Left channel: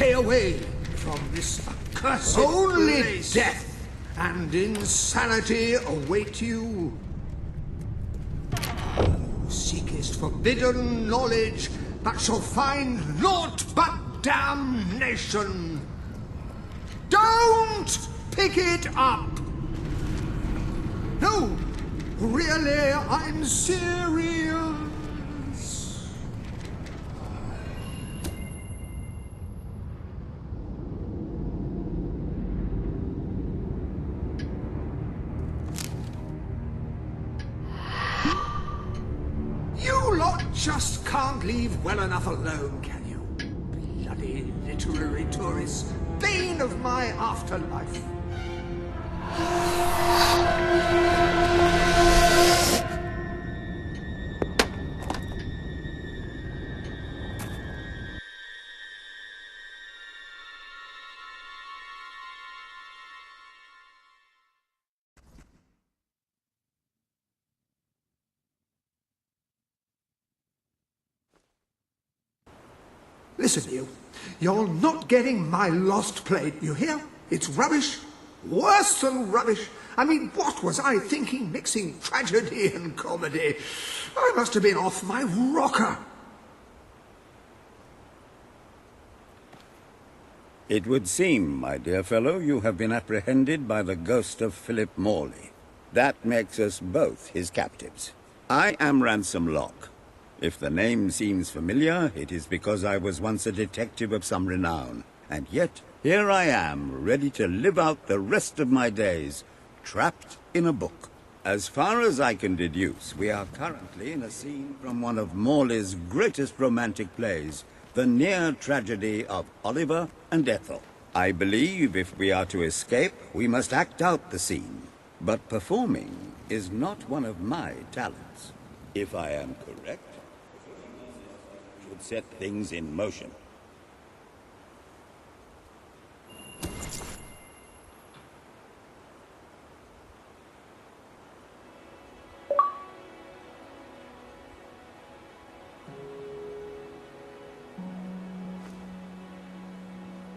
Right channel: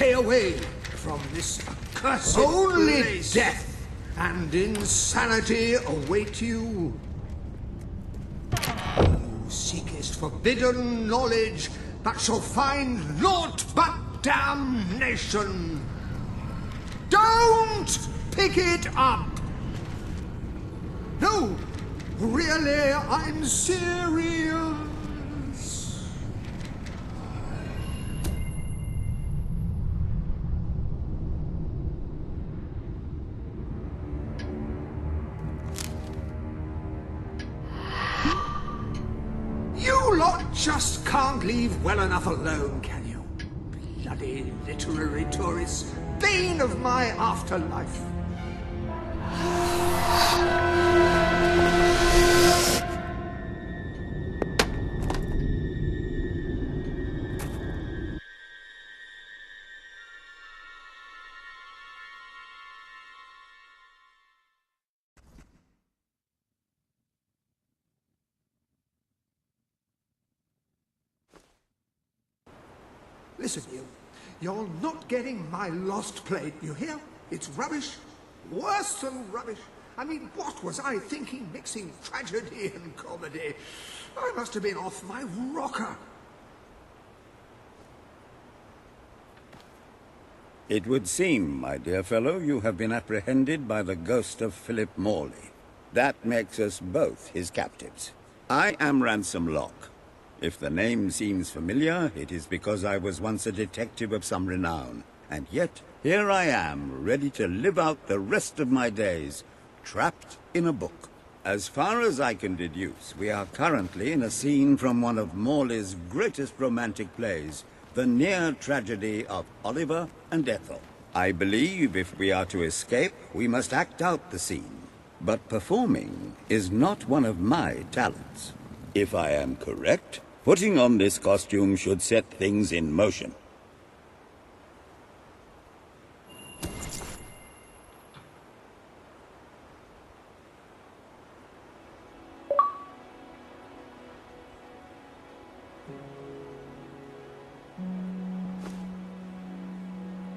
Stay away from this accursed place. Death and insanity await you. Who seekest forbidden knowledge, but shall find naught but damnation. Don't pick it up! No, really, I'm serious. You lot just can't leave well enough alone, can you? Bloody literary tourists, bane of my afterlife. Listen, you're not getting my lost plate, you hear? It's rubbish. Worse than rubbish. I mean, what was I thinking mixing tragedy and comedy? I must have been off my rocker. It would seem, my dear fellow, you have been apprehended by the ghost of Philip Morley. That makes us both his captives. I am Ransom Locke. If the name seems familiar, it is because I was once a detective of some renown. And yet, here I am, ready to live out the rest of my days, trapped in a book. As far as I can deduce, we are currently in a scene from one of Morley's greatest romantic plays, the near tragedy of Oliver and Ethel. I believe if we are to escape, we must act out the scene. But performing is not one of my talents. If I am correct, putting on this costume should set things in motion.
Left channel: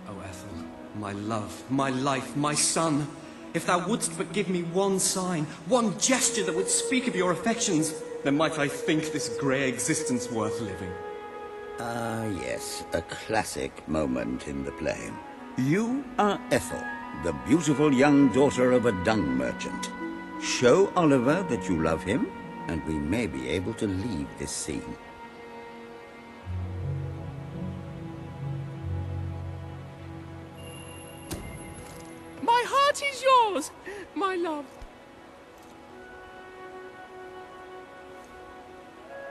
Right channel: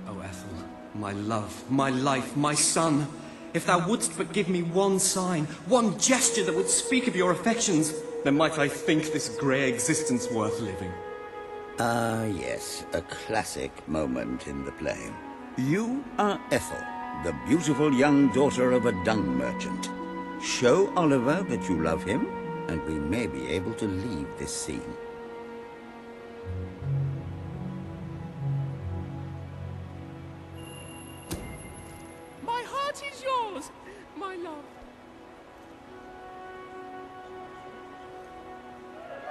Oh, Ethel, my love, my life, my son, if thou wouldst but give me one sign, one gesture that would speak of your affections, then might I think this grey existence worth living. Ah, yes, a classic moment in the play. You are Ethel, the beautiful young daughter of a dung merchant. Show Oliver that you love him, and we may be able to leave this scene. My heart is yours, my love.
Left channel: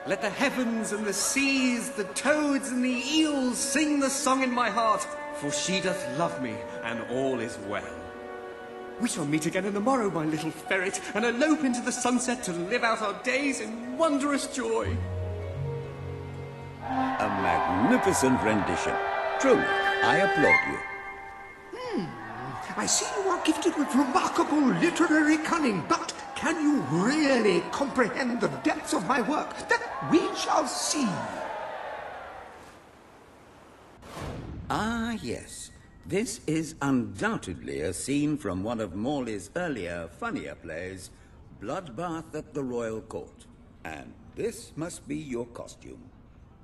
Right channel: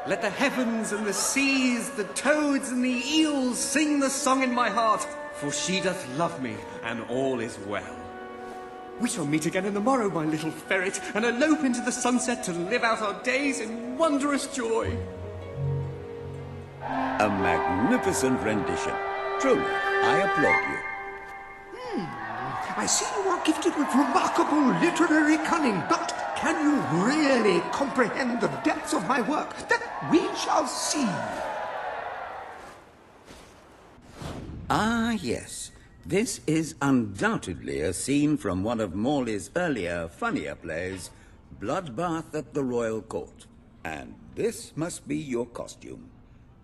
Let the heavens and the seas, the toads and the eels sing the song in my heart, for she doth love me, and all is well. We shall meet again in the morrow, my little ferret, and elope into the sunset to live out our days in wondrous joy. A magnificent rendition. Truly, I applaud you. I see you are gifted with remarkable literary cunning, but can you really comprehend the depths of my work? That we shall see. Ah, yes. This is undoubtedly a scene from one of Morley's earlier, funnier plays, Bloodbath at the Royal Court. And this must be your costume.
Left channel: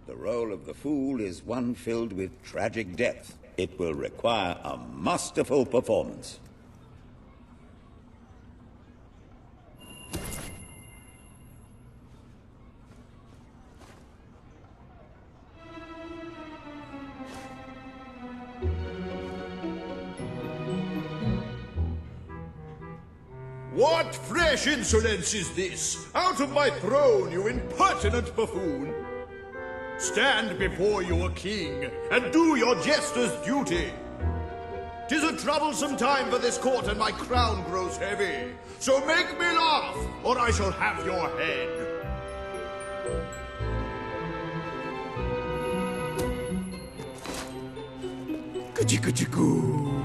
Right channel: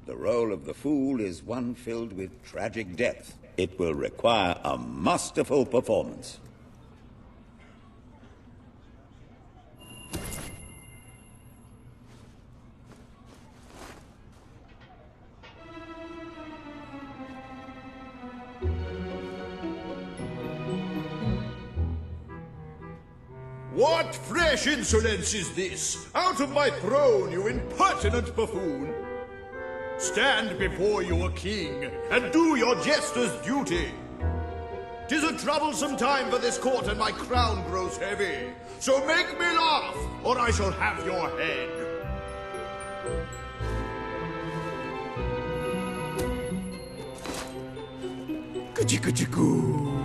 The role of the fool is one filled with tragic depth. It will require a masterful performance. What fresh insolence is this? Out of my throne, you impertinent buffoon! Stand before your king, and do your jester's duty. 'Tis a troublesome time for this court, and my crown grows heavy. So make me laugh, or I shall have your head. Ka-chicka-chicka.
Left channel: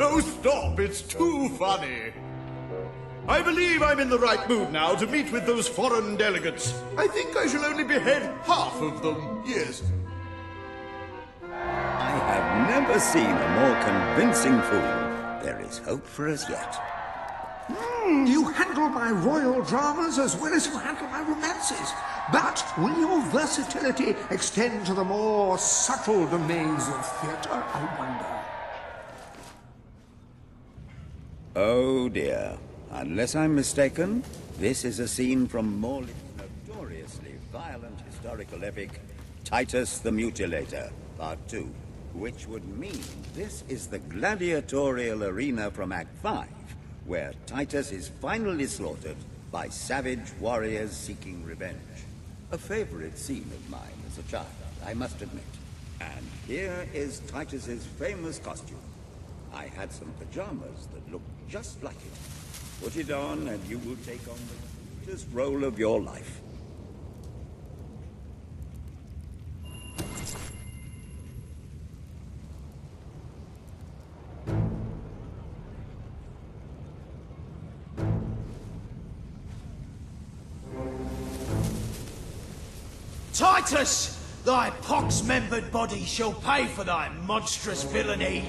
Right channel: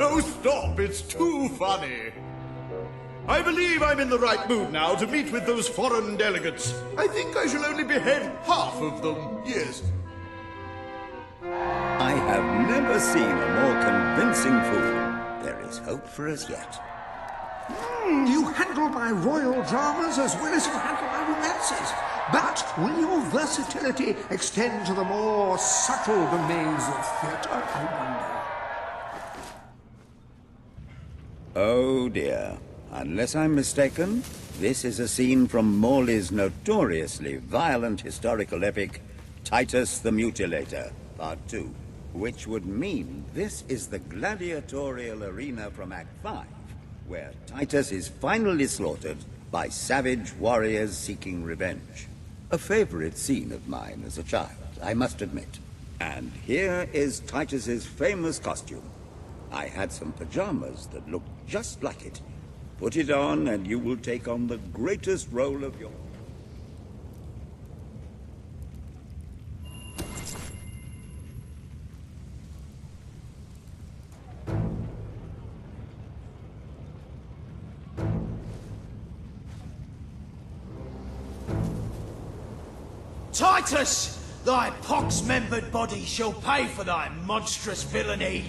Oh, stop, it's too funny. I believe I'm in the right mood now to meet with those foreign delegates. I think I shall only behead half of them, yes. I have never seen a more convincing fool. There is hope for us yet. You handle my royal dramas as well as you handle my romances. But will your versatility extend to the more subtle domains of theatre, I wonder? Oh dear. Unless I'm mistaken, this is a scene from Morley's notoriously violent historical epic, Titus the Mutilator, which would mean this is the gladiatorial arena from Act 5, where Titus is finally slaughtered by savage warriors seeking revenge. A favorite scene of mine as a child, I must admit. And here is Titus's famous costume. I had some pajamas that looked just like it. Put it on and you will take on the greatest role of your life. Titus! Thy pox-membered body shall pay for thy monstrous villainy.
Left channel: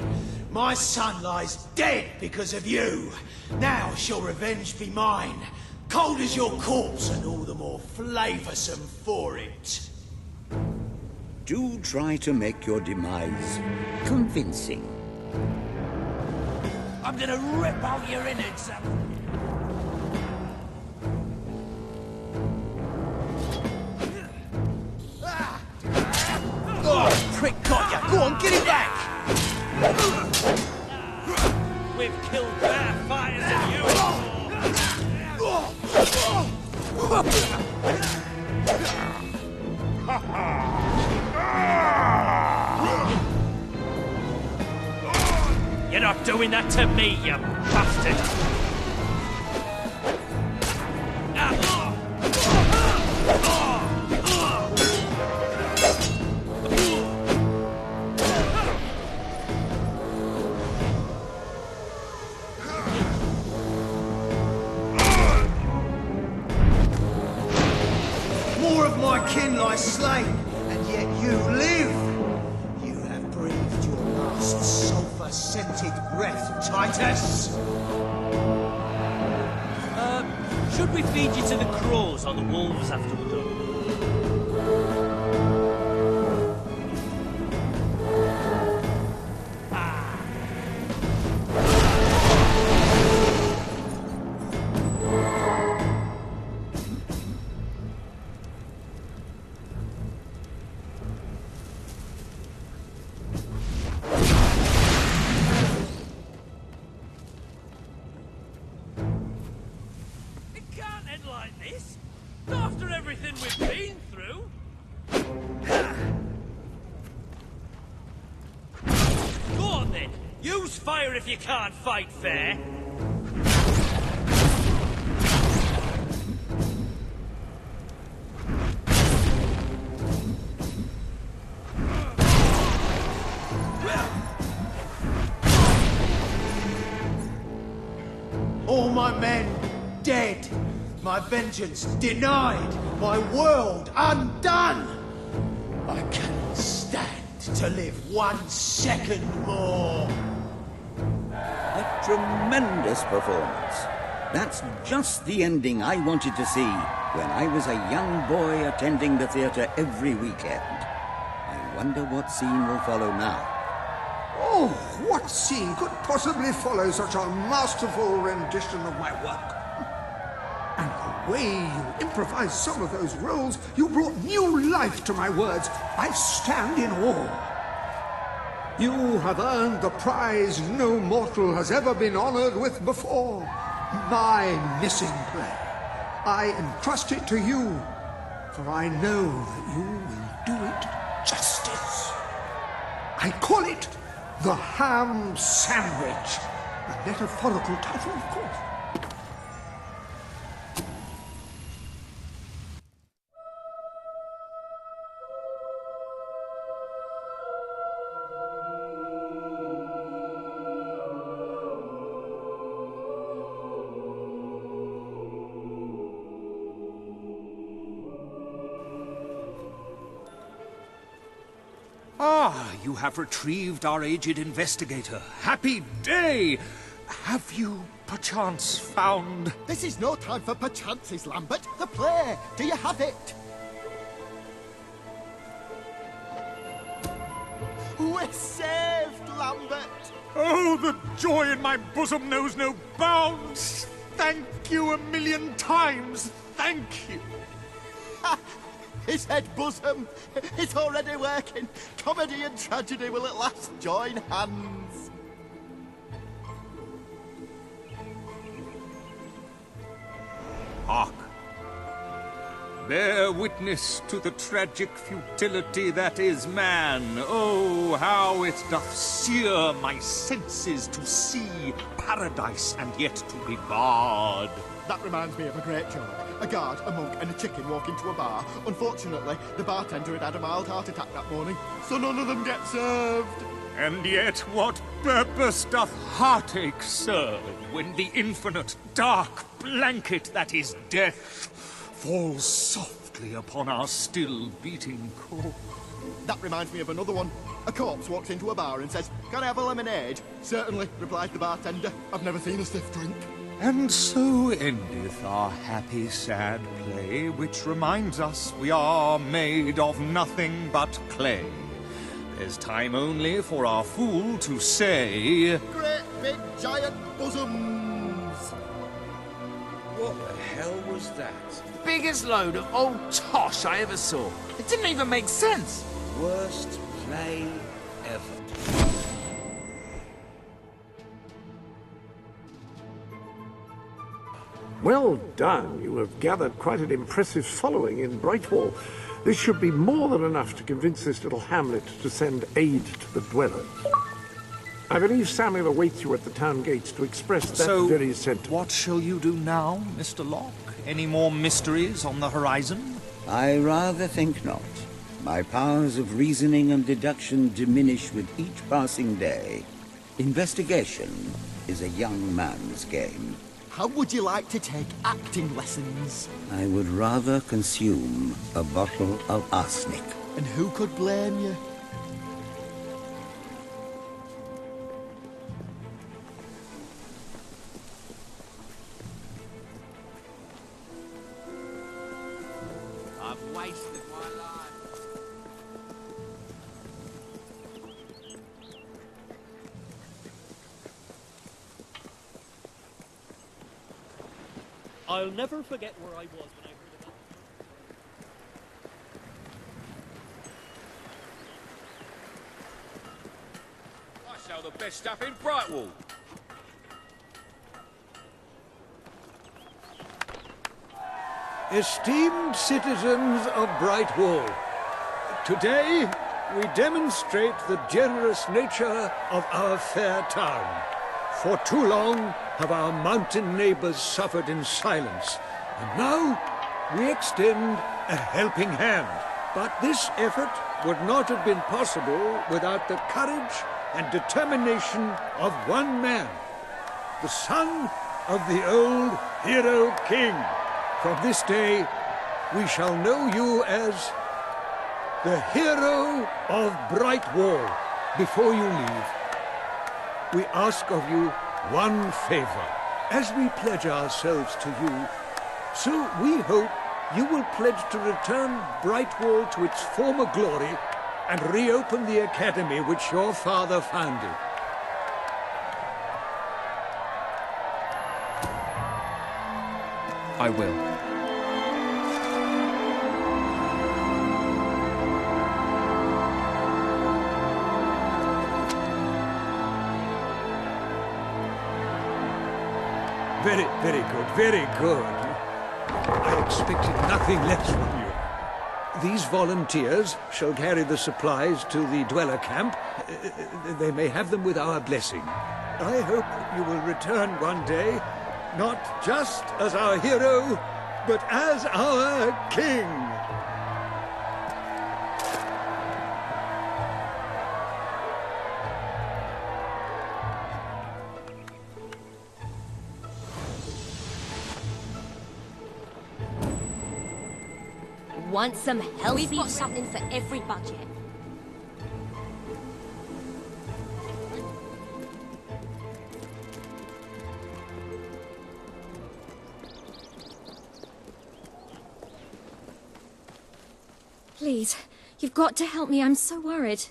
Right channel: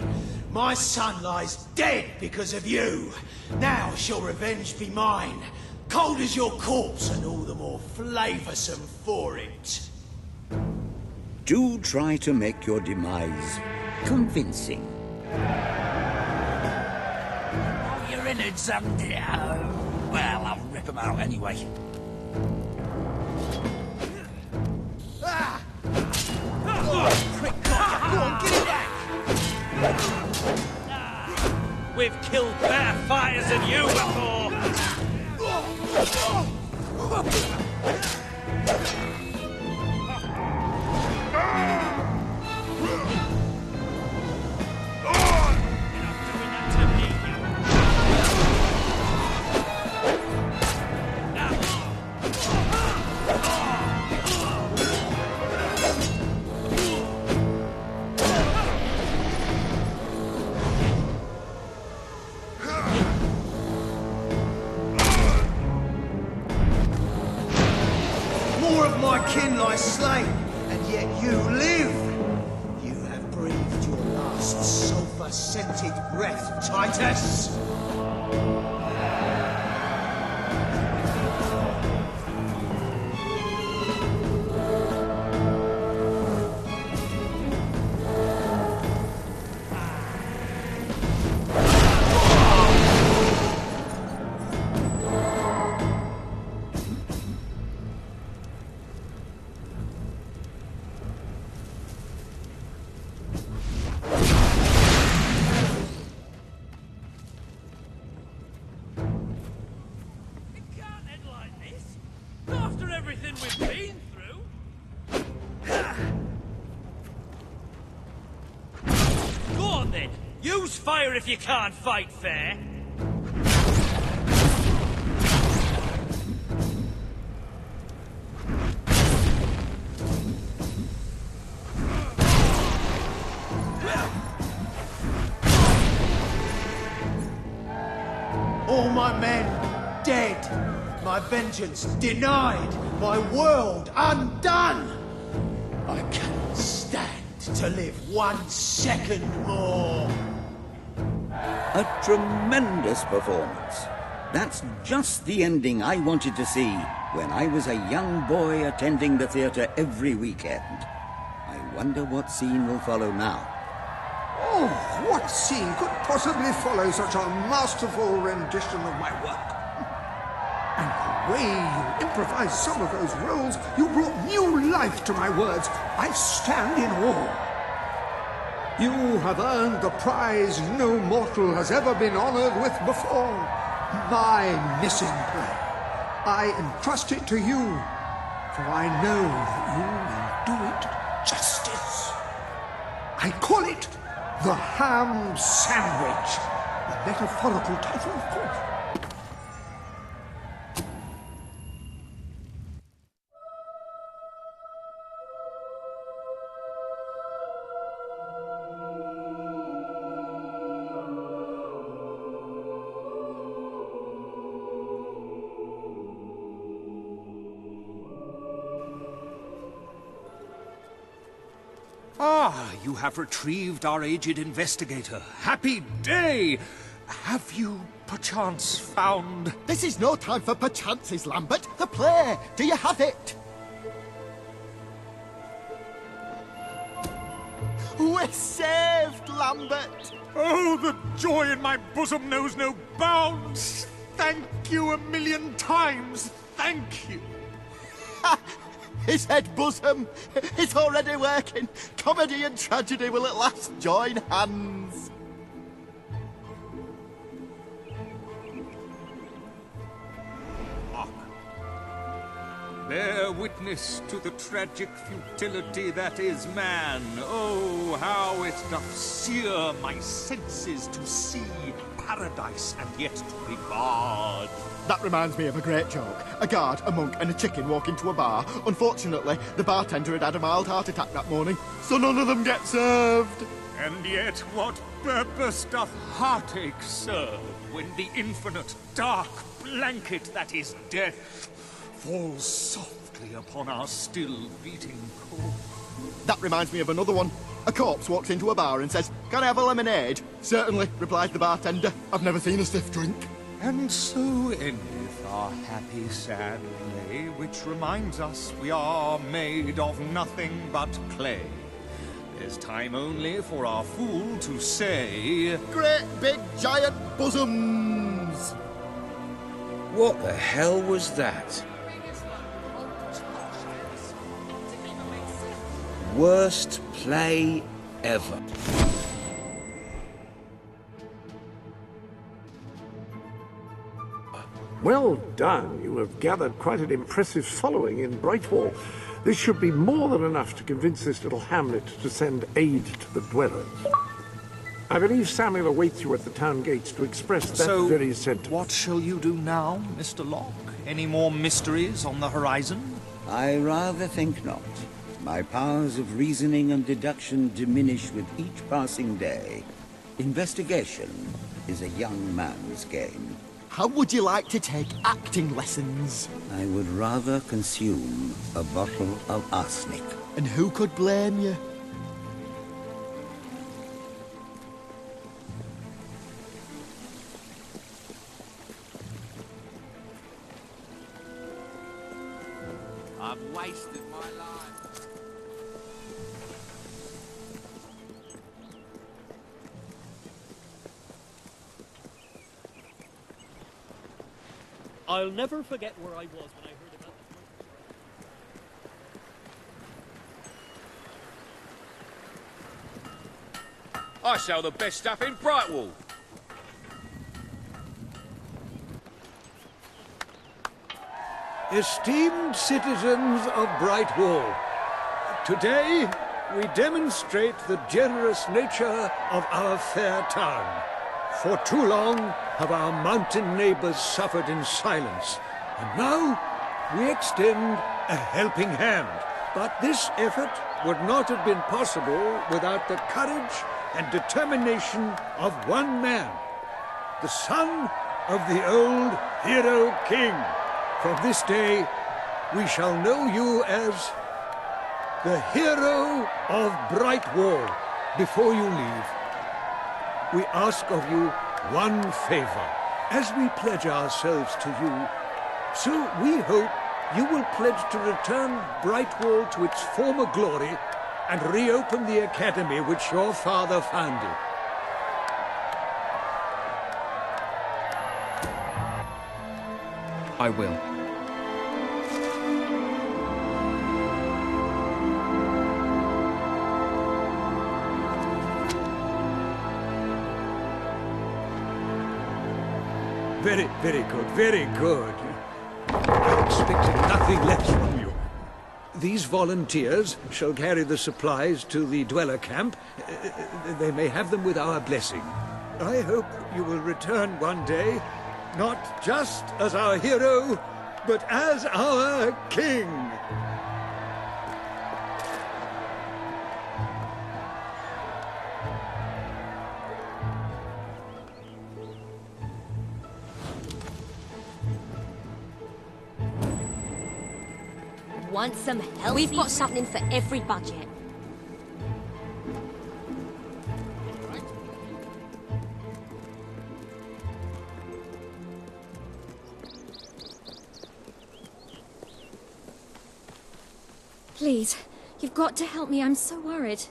My son lies dead because of you. Now shall revenge be mine. Cold as your corpse and all the more flavoursome for it. Do try to make your demise convincing. I'm gonna rip out your innards and... well, I'll rip them out anyway. Oh, prick got you! Go on, get it back! We've killed better fighters than you before! You're not doing that to me, you bastard! More of my kin lie slain, and yet you live. You have breathed your last sulphur-scented breath, Titus. Should we feed you to the crows or the wolves after? Use fire if you can't fight fair! All my men dead, my vengeance denied, my world undone. I cannot stand to live 1 second more. A tremendous performance. That's just the ending I wanted to see when I was a young boy attending the theatre every weekend. I wonder what scene will follow now. Oh, what scene could possibly follow such a masterful rendition of my work? And the way you improvised some of those roles, you brought new life to my words. I stand in awe. You have earned the prize no mortal has ever been honored with before. My missing play. I entrust it to you, for I know that you will do it justice. I call it The Ham Sandwich. A metaphorical title, of course. Ah, you have retrieved our aged investigator. Happy day! Have you perchance found... This is no time for perchances, Lambert. The play. Do you have it? We're saved, Lambert. Oh, the joy in my bosom knows no bounds! Thank you a million times! Thank you! He said bosom. It's already working. Comedy and tragedy will at last join hands. Hark! Bear witness to the tragic futility that is man. Oh, how it doth sear my senses to see paradise and yet to be barred. That reminds me of a great joke. A guard, a monk, and a chicken walk into a bar. Unfortunately, the bartender had had a mild heart attack that morning, so none of them get served. And yet what purpose doth heartache serve when the infinite dark blanket that is death falls softly upon our still beating core? That reminds me of another one. A corpse walks into a bar and says, "Can I have a lemonade?" "Certainly," replies the bartender. "I've never seen a stiff drink." And so endeth our happy sad play, which reminds us we are made of nothing but clay. There's time only for our fool to say, "Great big giant bosoms!" What the hell was that? Biggest load of old tosh I ever saw. It didn't even make sense. Worst play ever. Well done. You have gathered quite an impressive following in Brightwall. This should be more than enough to convince this little hamlet to send aid to the dwellers. I believe Samuel awaits you at the town gates to express that very sentiment. What shall you do now, Mr. Locke? Any more mysteries on the horizon? I rather think not. My powers of reasoning and deduction diminish with each passing day. Investigation is a young man's game. How would you like to take acting lessons? I would rather consume a bottle of arsenic. And who could blame you? I sell the best stuff in Brightwall. Esteemed citizens of Brightwall, today we demonstrate the generous nature of our fair town. For too long have our mountain neighbors suffered in silence, and now we extend a helping hand. But this effort would not have been possible without the courage and determination of one man, the son of the old hero king. From this day, we shall know you as the hero of Brightwall. Before you leave, we ask of you one favor. As we pledge ourselves to you, so we hope you will pledge to return Brightwall to its former glory and reopen the academy which your father founded. I will. Very, very good, very good. I expected nothing less from you. These volunteers shall carry the supplies to the dweller camp. They may have them with our blessing. I hope you will return one day, not just as our hero, but as our king. We've got something for everybody. Please, you've got to help me. I'm so worried.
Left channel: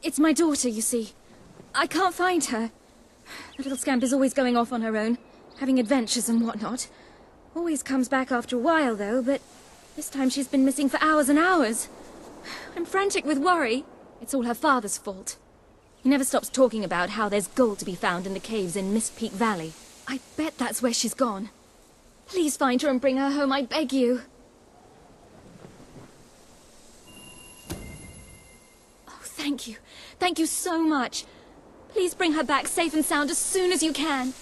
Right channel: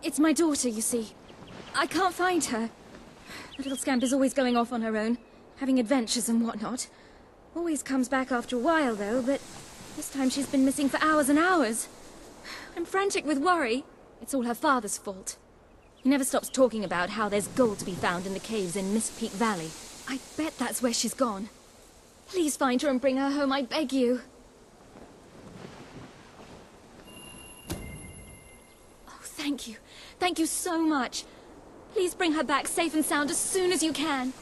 It's my daughter, you see. I can't find her. The little scamp is always going off on her own, having adventures and whatnot. Always comes back after a while, though, but this time she's been missing for hours and hours. I'm frantic with worry. It's all her father's fault. He never stops talking about how there's gold to be found in the caves in Mist Peak Valley. I bet that's where she's gone. Please find her and bring her home, I beg you. Oh, thank you. Thank you so much. Please bring her back safe and sound as soon as you can.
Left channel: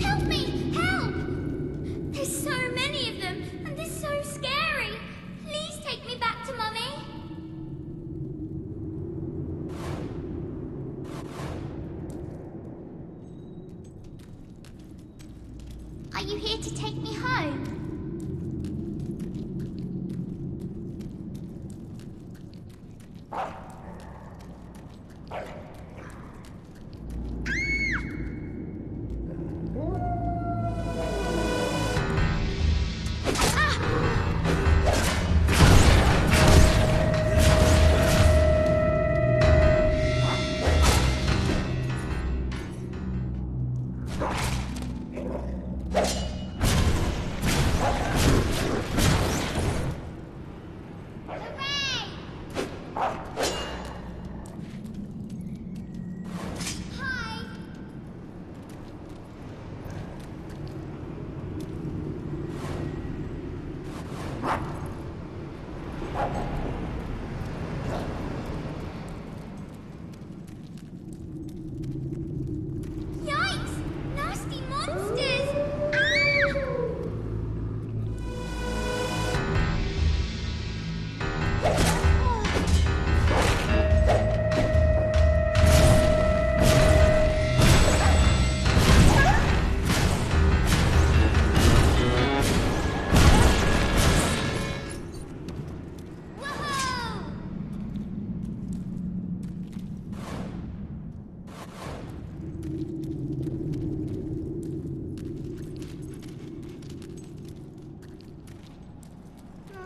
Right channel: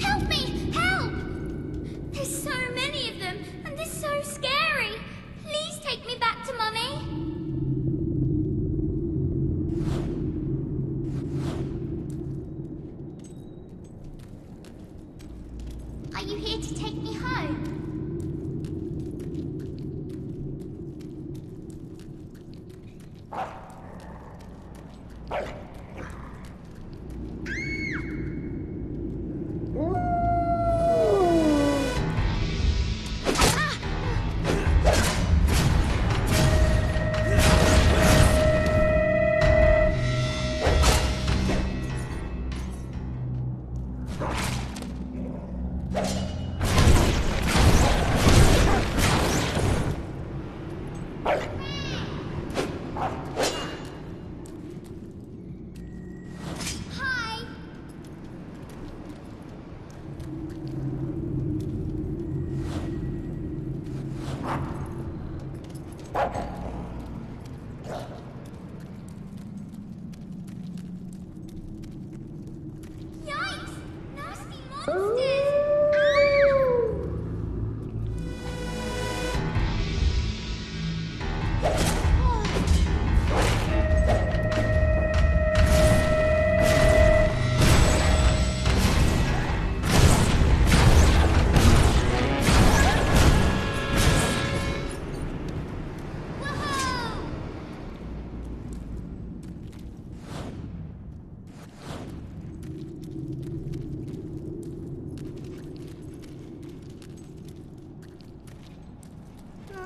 Help me! Help! There's so many of them, and they're so scary. Please take me back to Mummy. Are you here to take me home?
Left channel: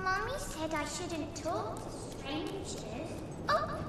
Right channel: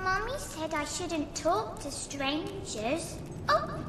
Mummy said I shouldn't talk to strangers. Oh,